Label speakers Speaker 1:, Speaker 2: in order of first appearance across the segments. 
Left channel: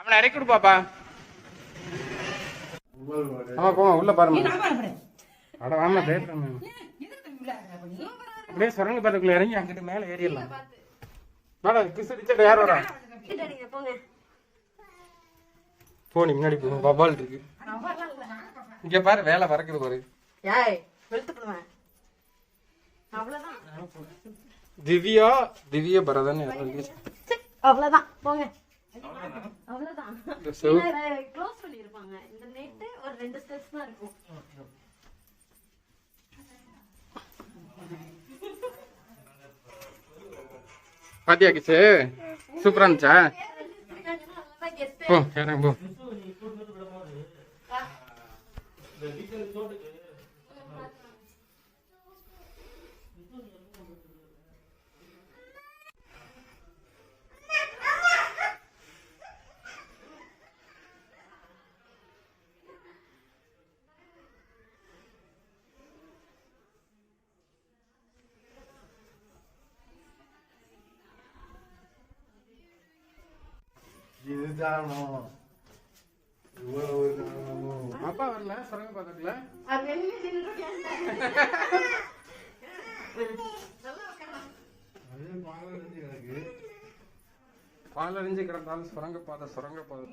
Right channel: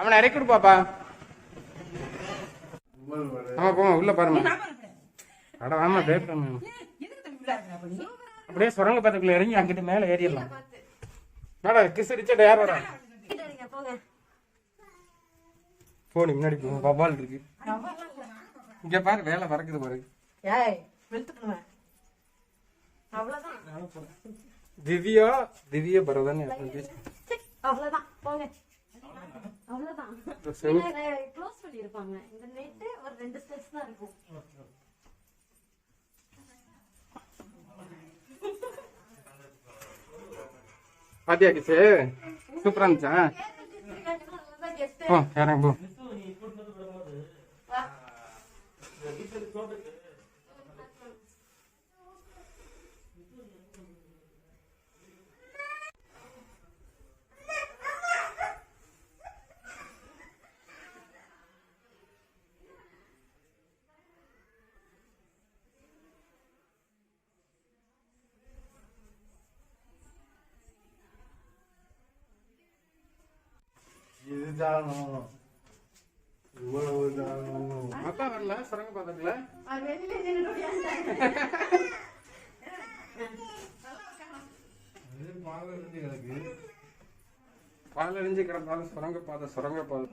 Speaker 1: அவனை இறக்கி பாப்பா. ஆமா போங்க உள்ள பாருங்க அட ஆமா பேசுறேன் அப்படியே சுரங்க பாத்துக்குள்ள இறங்கி அங்கிட்டு மேல ஏறிடலாம். வாடா கிஸ் அடிச்சா யார் வரா
Speaker 2: நீங்க போங்க.
Speaker 1: போனி முன்னாடி போ வவ்வால் இருக்கு. இங்க பாரு வேலை பறக்குது பாரு.
Speaker 2: ஏய் வெளுத்துக்கணுவேன் அவ்வளவுதான்.
Speaker 1: திவ்யா திவ்ய பரதன்
Speaker 2: அவ்வளவுதான். போங்க. அவ்வளவுதான். க்ளோஸ் பண்ணிருப்பாங்க. இந்த நெட்டு ஒரு ரெண்டு ஸ்டெப்ஸ் தான் இருக்கும்.
Speaker 1: பாத்தியா கிச்சு சூப்பரா இருந்துச்சா? போ
Speaker 3: இதுதானோ இவ்வளவு தானோ
Speaker 1: அப்பா வரல சுரங்க
Speaker 3: இருந்து எனக்கு
Speaker 1: பால் அழிஞ்சு கிடந்தாலும் சுரங்க பாதை சுரங்க பாதை.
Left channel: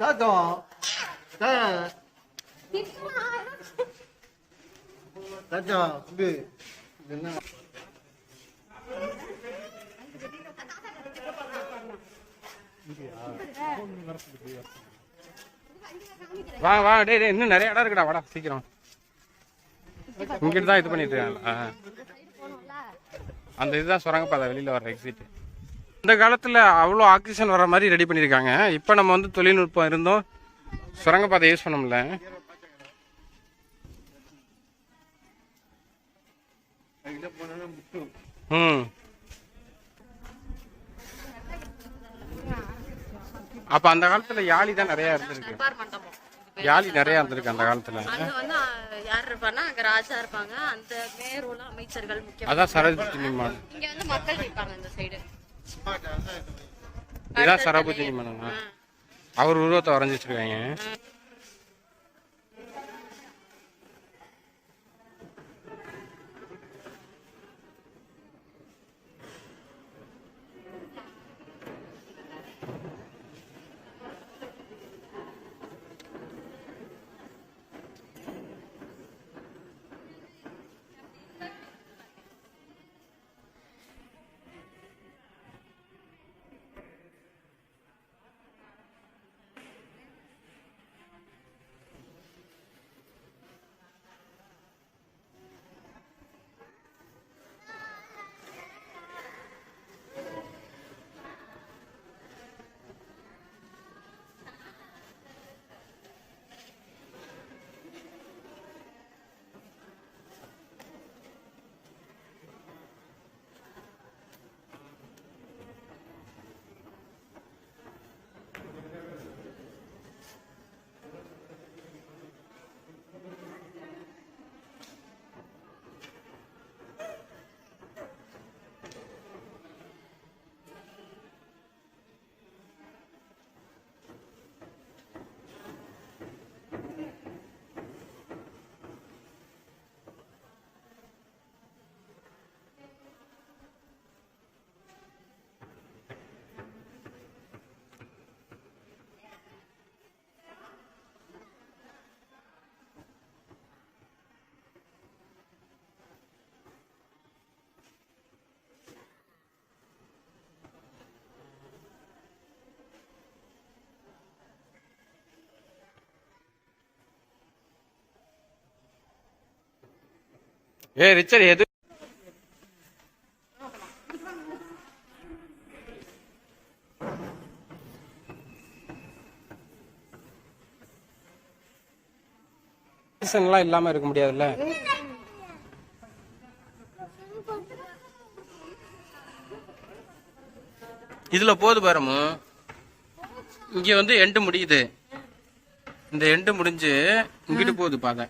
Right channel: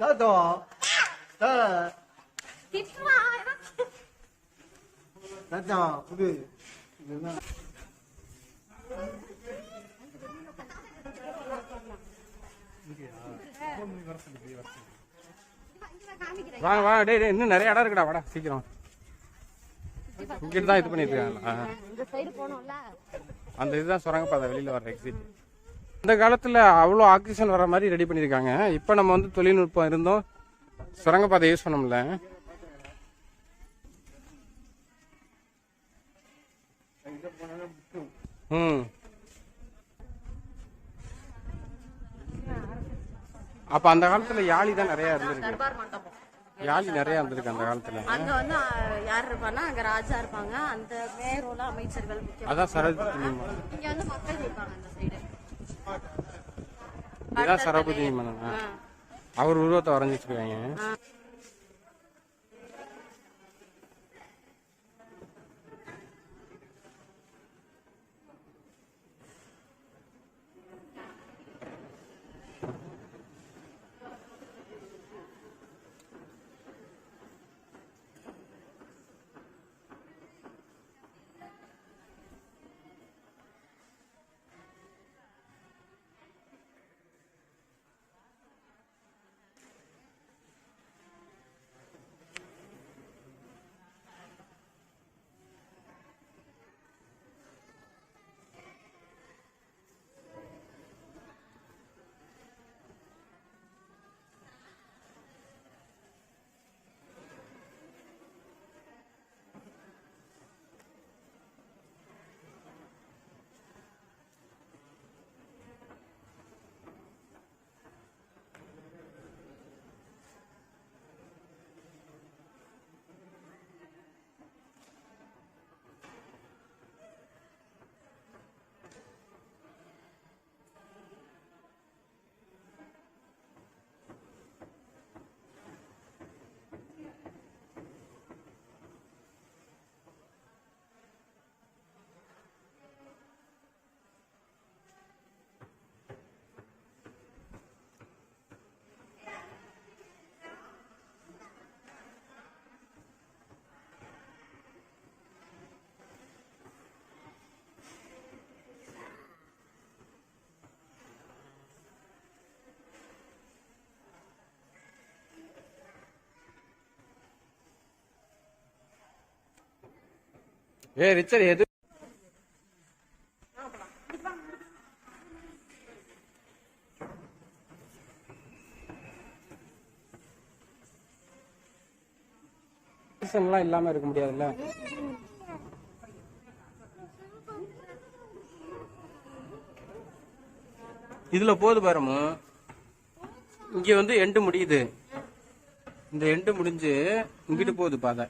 Speaker 3: தாத்தா தாத்தா குடு என்ன
Speaker 1: வா வா டேய் டேய் இன்னும் நிறைய இடம் இருக்குடா. வாடா சீக்கிரம். இங்கிட்டு தான் இது பண்ணிட்டு
Speaker 2: போனோம்ல
Speaker 1: அந்த இதுதான் சுரங்கப்பாதை வெளியில வர எக்ஸிட் இந்த காலத்துல அவ்வளோ ஆக்சிஜன் வர மாதிரி ரெடி பண்ணியிருக்காங்க. இப்போ நம்ம வந்து தொழில்நுட்பம் இருந்தோம் சுரங்கப்பாதை யூஸ் பண்ண முடியல. ம். அப்ப அந்த காலத்துல யாழி தான் நிறைய இருந்திருக்கு. யாழி நிறைய இருந்திருக்கு அந்த காலத்துல.
Speaker 2: அங்க வந்து அஹ், யார் இருப்பாங்கன்னா அங்க ராஜா இருப்பாங்க. அந்த மேரோல அமைச்சர்கள்
Speaker 1: அதான் சரபுஜி நிர்மாணம்
Speaker 2: இங்க வந்து மக்கள் இருக்காங்க இந்த சைடு
Speaker 1: இதான் சரபுஜி நிர்மாணம் அவர் உருவத்தை வரைஞ்சி வச்சிருக்காங்க ஏ ரிச்சர் எது? இல்லாம இருக்க முடியாதுல்ல? இதுல போது பாருமோ. இங்க வந்து எண்டு முடியுது. இந்த எண்டு முடிஞ்சு இங்கிட்டு போகுது பாதை.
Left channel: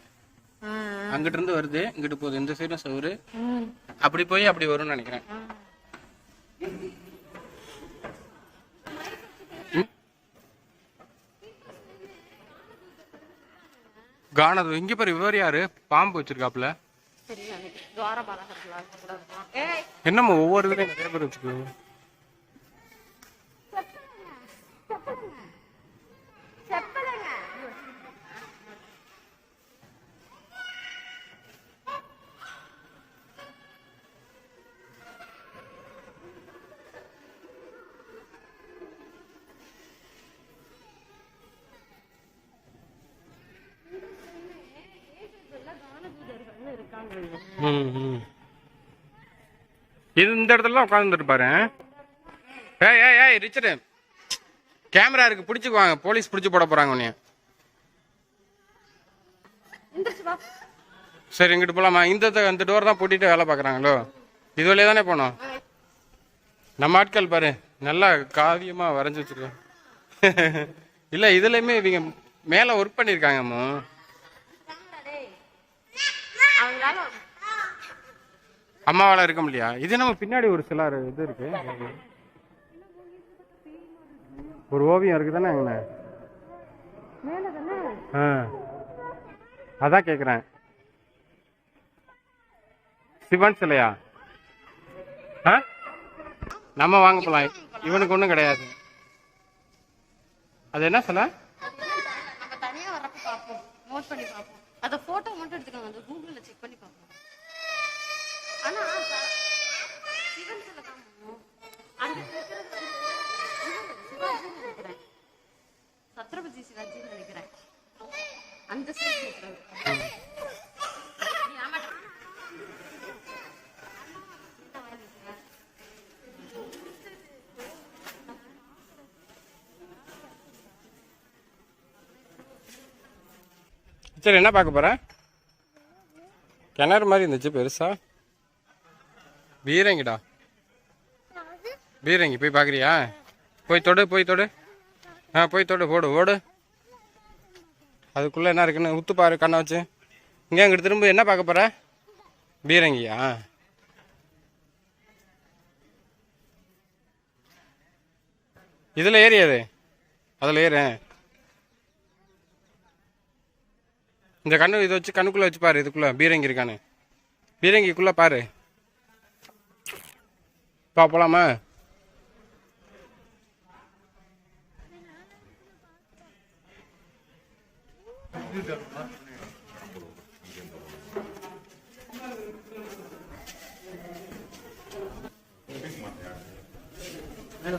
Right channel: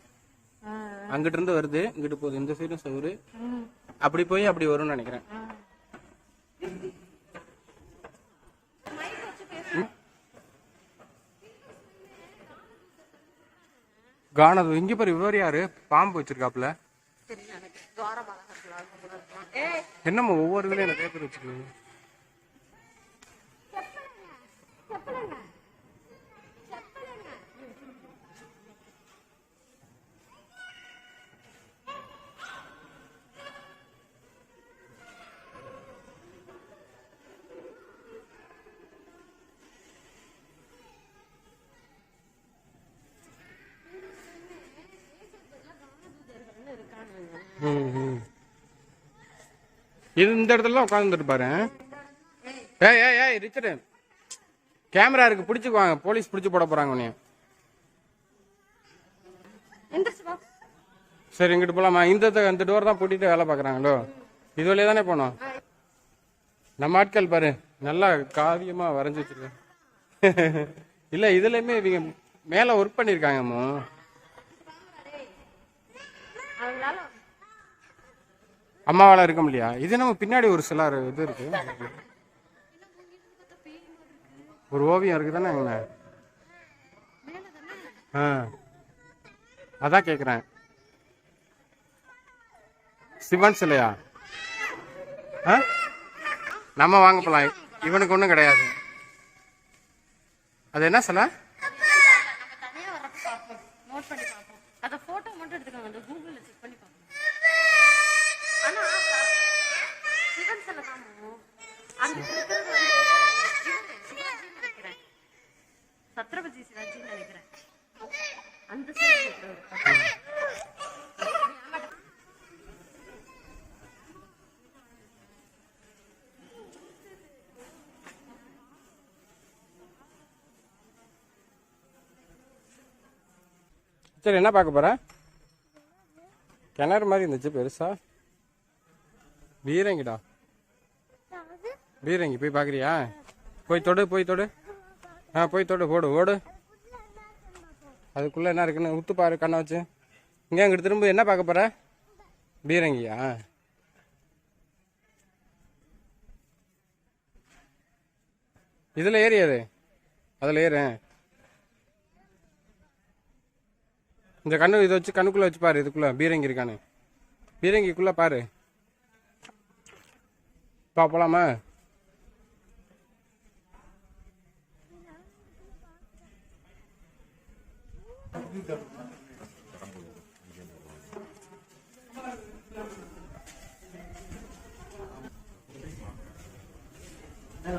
Speaker 1: அங்கிட்டு இருந்து வருது இங்கிட்டு போகுது. இந்த சைடும் சவுரு. அப்படி போய் அப்படி வரும்னு நினைக்கிறேன். கானது இங்க பாரு இவர் யாரு? பாம்பு வச்சிருக்காப்ல என்னம்மா ஒவ்வொரு இதுலயும் நிறைய பேர் வச்சுக்கோங்க இது இந்த இடத்துல உட்காந்துட்டு பாரு. ஏய் ஏய் ஏய் ரிச்சர்டு கேமரா இருக்கு பிடிச்சிக்குவாங்க போலீஸ் பிடிச்சி போட போறாங்க உன்னைய. சரி இங்கிட்டு போலாமா? இந்த த- இந்த டோர் தான் பூட்டிட்டு வேலை பார்க்குறாங்களோ? இது வழியா தானே போனோம். நம்ம ஆட்கள் பாரு நல்லா காவியமா வரைஞ்சி வச்சிருக்கேன் இல்ல இதுலயுமே இவங்க மேல ஒர்க் பண்ணிருக்காங்கம்மா அம்மாவால இருக்க முடியா இது நம்ம பின்னாடி ஒரு சில இது இருக்கு. ஒரு ஓவியம் இருக்கு தானே அங்கன ஆ. அதான் கேக்குறேன். சிவன் சிலையா? ஆ? நம்ம வாங்க போலாம். இவனுக்கு ஒன்றும் கிடையாது. அது என்ன சிலை?
Speaker 2: நம்ம தனியா பண்ணி பார்ப்போம். அத போட்டோ மட்டும் எடுத்துக்கோங்க. அந்த கூகுள்ல செக் பண்ணி பார்ப்போம். சிவன் அங்க நினைக்கிறேன் சத்ரபதி நினைக்கிறேன் அந்த
Speaker 1: சரி என்ன பார்க்க போற? கிணறு மாதிரி இருந்துச்சு பெருசாக பீரங்கிடா. பீரங்கி போய் பார்க்குறியா போய் தொடு போய் தொடு. ஆ போய் தொடு ஓடு ஓடு. அதுக்குள்ளே என்ன இருக்குன்னு உத்து பாரு கண்ணை வச்சு. இங்கே அங்கிட்டு திரும்ப என்ன பார்க்க போகிற பீரங்கியா? இதில் ஏறியாது அதில் ஏறு. இந்த கண்ணு இதை வச்சு கண்ணுக்குள்ளே வச்சு பாரு இதுக்குள்ளே பீரங்கி இருக்கான்னு. பீரங்கிக்குள்ளே பாரு. பா போலாமா
Speaker 2: என்ன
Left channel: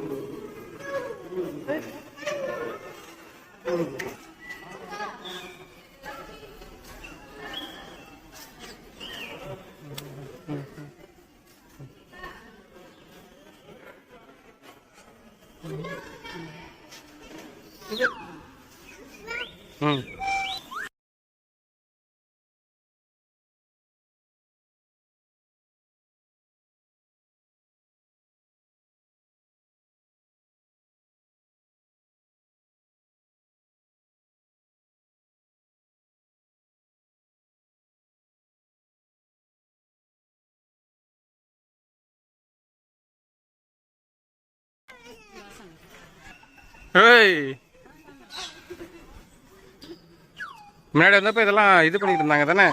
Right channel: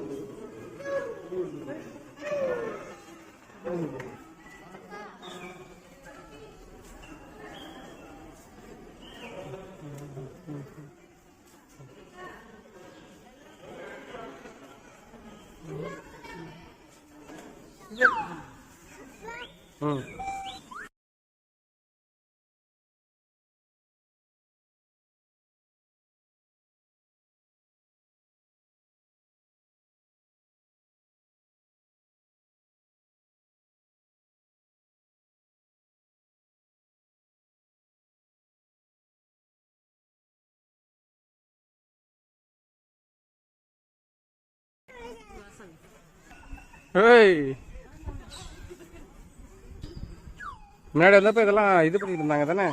Speaker 1: 嗯。முன்னாடி வந்தப்ப இதெல்லாம் இது பண்ணிட்டு இருந்தாங்க தானே?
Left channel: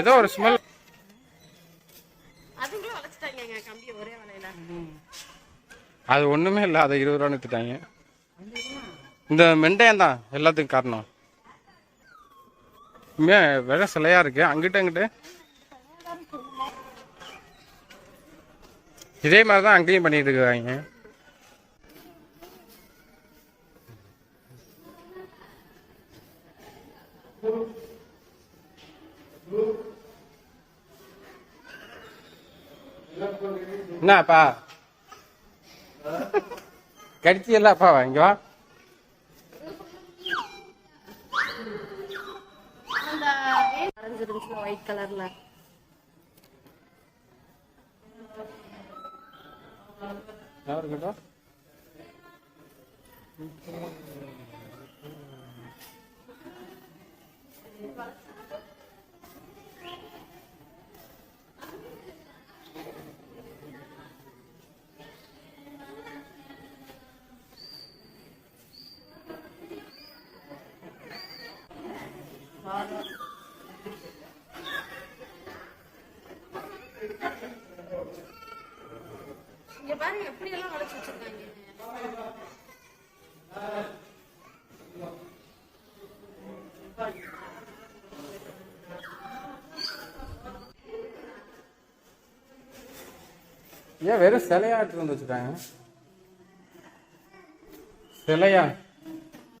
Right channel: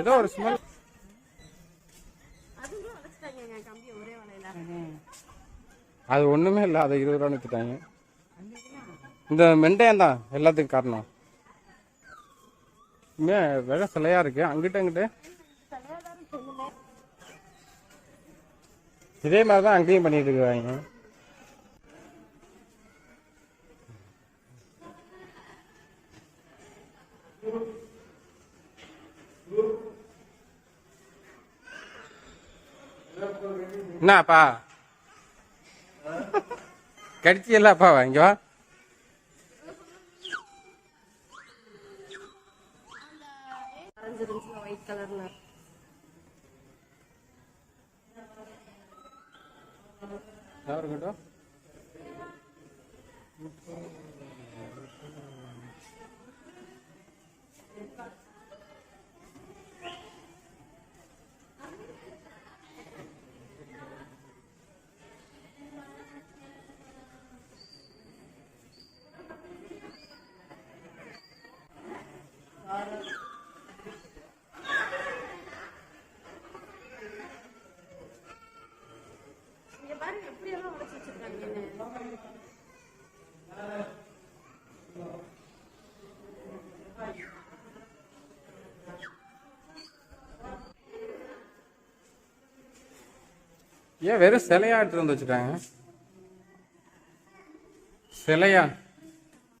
Speaker 1: ஏதோ ஒரு ஸ்மெல் அது ஒண்ணுமே இல்லை அதை இருபது ரூபா எடுத்துட்டாங்க இந்த மெண்டையம் தான் எல்லாத்துக்கும் காரணம். மே விலை சிலையா இருக்கு. அங்கிட்ட அங்கிட்ட. இதே மாதிரி தான் அங்கேயும் பண்ணிட்டு இருக்காங்க. என்னப்பா? கடிச்சியல்ல அப்பா இங்க வா.
Speaker 2: ஒயிட் கலர்ல
Speaker 1: இருக்கட்டும்
Speaker 2: இங்க பாரு எப்படி எல்லாம் வளைச்சு வச்சிருக்காங்கன்னு
Speaker 1: ஏன் வெறும் சிலையா எடுத்துட்டு வந்து வச்சுட்டாங்க? சிலையா?